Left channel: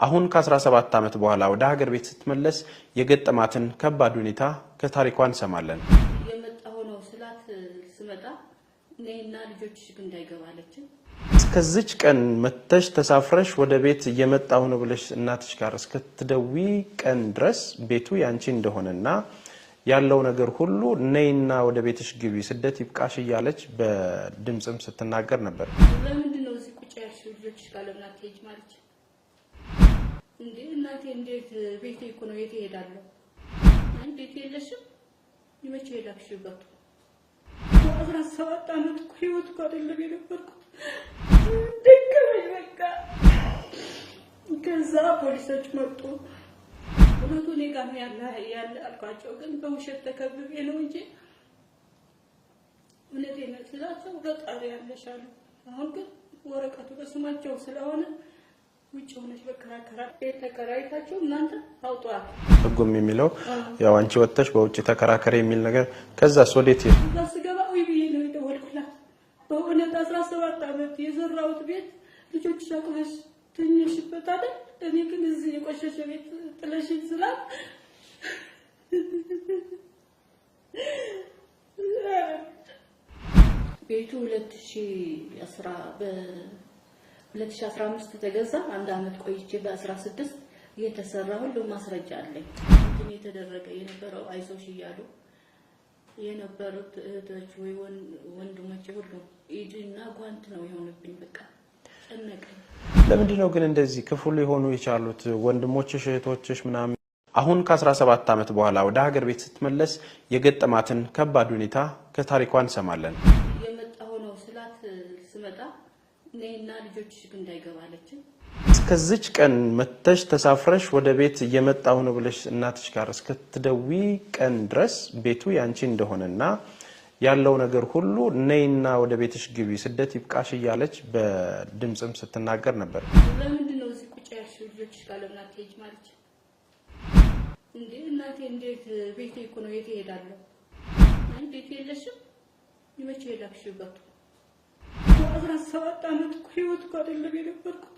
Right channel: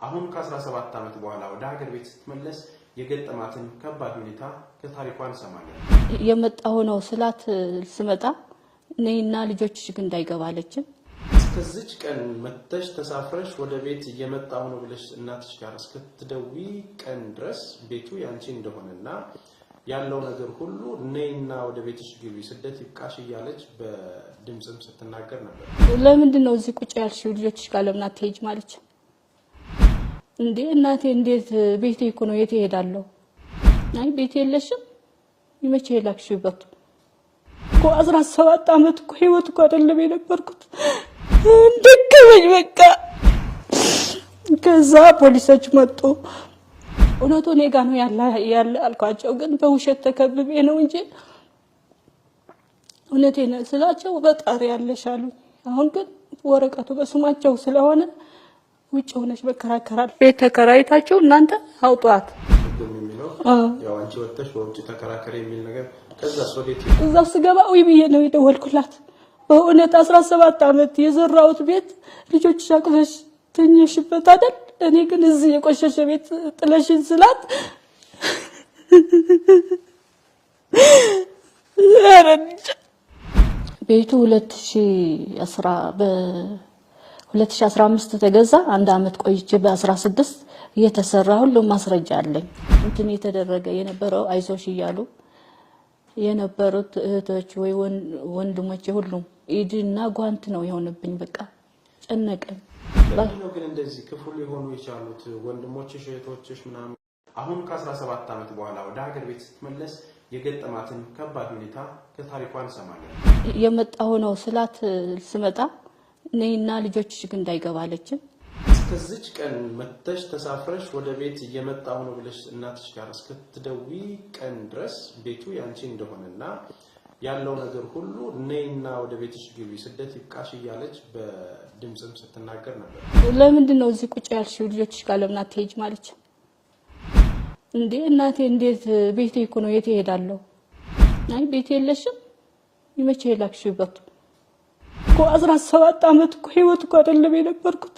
አሁን ከ17 ዓመት በኋላ ወደ ሀገር ቤት ስትመለስ የገጠማትን ከባድ ሁኔታ ከታሪኳን ሰማለን። የመጣው ነው ስላት ስመጣ ነይና ልጆችሽ ግን እንዳይገባለች እስከዚች ቀን መተሽ ተሳፍረሽ ወደ ቤት እየመጣው ነው ብለሽ እናትሽ ጋር እስከትደዊ ቀን ድረስ ቤቱ ያንቺ እንደሆነና ያለው ነገር ሁሉ ነይና ወደ ቤትሽ ግቢ ስደት ይብቃሽ እያለች በድምጽም ስትናገር ነበር። ለምንድን ነው እዚህ ቁጭ ያልሽው ልጆችሽ ጋር ለምን አትሄጂ ማለች እንዴ እናቴ እንዴት ቤቴ እኮ ነው የት እሄዳለሁ አይ ቤት የለሽም ይመቼ ላክሽበት እኮ 17 ዓመት እኮ ህይወት እኮ አይደለም የነበርኩት እንደከበኝ በቃ ከዛ ፖሊሶች መጡ እውነቱ እኔ ጋር ነው ያለ አልኳቸው ግን በውሸት ተከብቤ ነው እንጂ እውነቴን ስላቸው በጣሪ ያለሻሉ አሁን ግን ወረቀቱ በስማቸው ስለሆነ ውጭ ሆነሽ በከራከራል ቤት ተከራይታችሁ እናንተ አውጧት ህጉም የሚለው ያው አንቺ ወጥተሽ በውጭ ተከራከረ የሚል ነገር ከዛ ሶዴት እዛ ስገባ ወይ ብዬ ነው የደወልኩላት በእውነት 17 ዓመት የዘራውት ቤት ልጆች ሻቅፈሽ ተኝሽበት አይደል እኔ ግን እዚህ የቆሸሸ ቤት ጥለሽን ስላት ቤቱ 2015 ተገዛ አንድ አመት ቆይቼ በ16 እየተሰራ ሁሉ ማስረጃ አለኝ እንትን የተደረገ የነበረው አይዞሽ ይያሉ የነበሩት እህቶች ወይ ወንድሞች ሁሉ ኢድና ጓንት ነው የሆነብኝ በቃ ጨነቀኝ ለምንድነው ግን እንደዚህ ክፉ ሊሆኑ የቻሉት ወንድሞችሽ እህቶችሽ ምናምን አሁን ከ17 ዓመት በኋላ ወደ ሀገር ቤት ስትመለስ የገጠማትን ከባድ ሁኔታ ከታሪኳን ሰማለን። የመጣው ነው ስላት ስመጣ ነይና ልጆችሽ ግን እንዳይገባለች እስከዚች ቀን መተሽ ተሳፍረሽ ወደ ቤት እየመጣው ነው ብለሽ እናትሽ ጋር እስከትደዊ ቀን ድረስ ቤቱ ያንቺ እንደሆነና ያለው ነገር ሁሉ ነይና ወደ ቤትሽ ግቢ ስደት ይብቃሽ እያለች በድምጽም ስትናገር ነበር። ለምንድን ነው እዚህ ቁጭ ያልሽው ልጆችሽ ጋር ለምን አትሄጂ ማለች እንዴ እናቴ እንዴት ቤቴ እኮ ነው የት እሄዳለሁ አይ ቤት የለሽም ይመቼ ላክሽበት እኮ 17 ዓመት እኮ ህይወት እኮ አይደለም የነበርኩት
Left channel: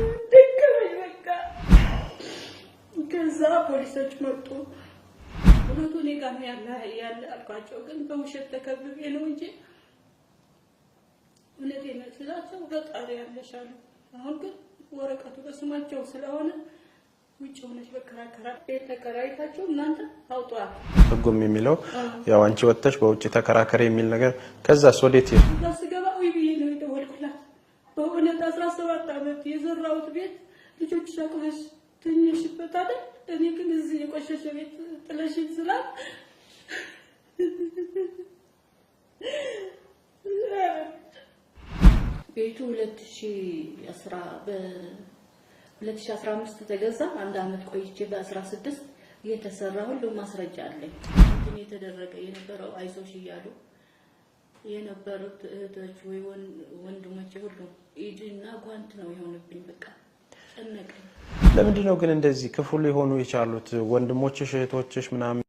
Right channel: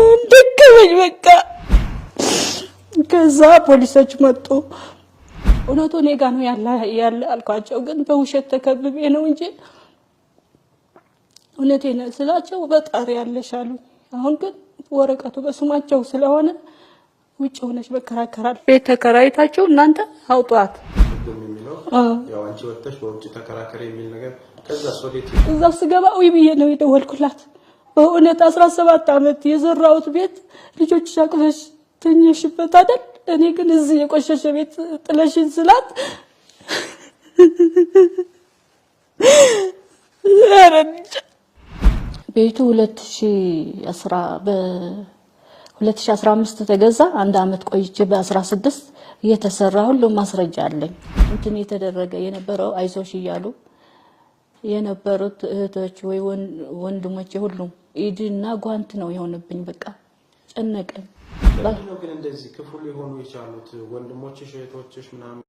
እንደከበኝ በቃ ከዛ ፖሊሶች መጡ እውነቱ እኔ ጋር ነው ያለ አልኳቸው ግን በውሸት ተከብቤ ነው እንጂ እውነቴን ስላቸው በጣሪ ያለሻሉ አሁን ግን ወረቀቱ በስማቸው ስለሆነ ውጭ ሆነሽ በከራከራል ቤት ተከራይታችሁ እናንተ አውጧት ህጉም የሚለው ያው አንቺ ወጥተሽ በውጭ ተከራከረ የሚል ነገር ከዛ ሶዴት እዛ ስገባ ወይ ብዬ ነው የደወልኩላት በእውነት 17 ዓመት የዘራውት ቤት ልጆች ሻቅፈሽ ተኝሽበት አይደል እኔ ግን እዚህ የቆሸሸ ቤት ጥለሽን ስላት ቤቱ 2015 ተገዛ አንድ አመት ቆይቼ በ16 እየተሰራ ሁሉ ማስረጃ አለኝ እንትን የተደረገ የነበረው አይዞሽ ይያሉ የነበሩት እህቶች ወይ ወንድሞች ሁሉ ኢድና ጓንት ነው የሆነብኝ በቃ ጨነቀኝ ለምንድነው ግን እንደዚህ ክፉ ሊሆኑ የቻሉት ወንድሞችሽ እህቶችሽ ምናምን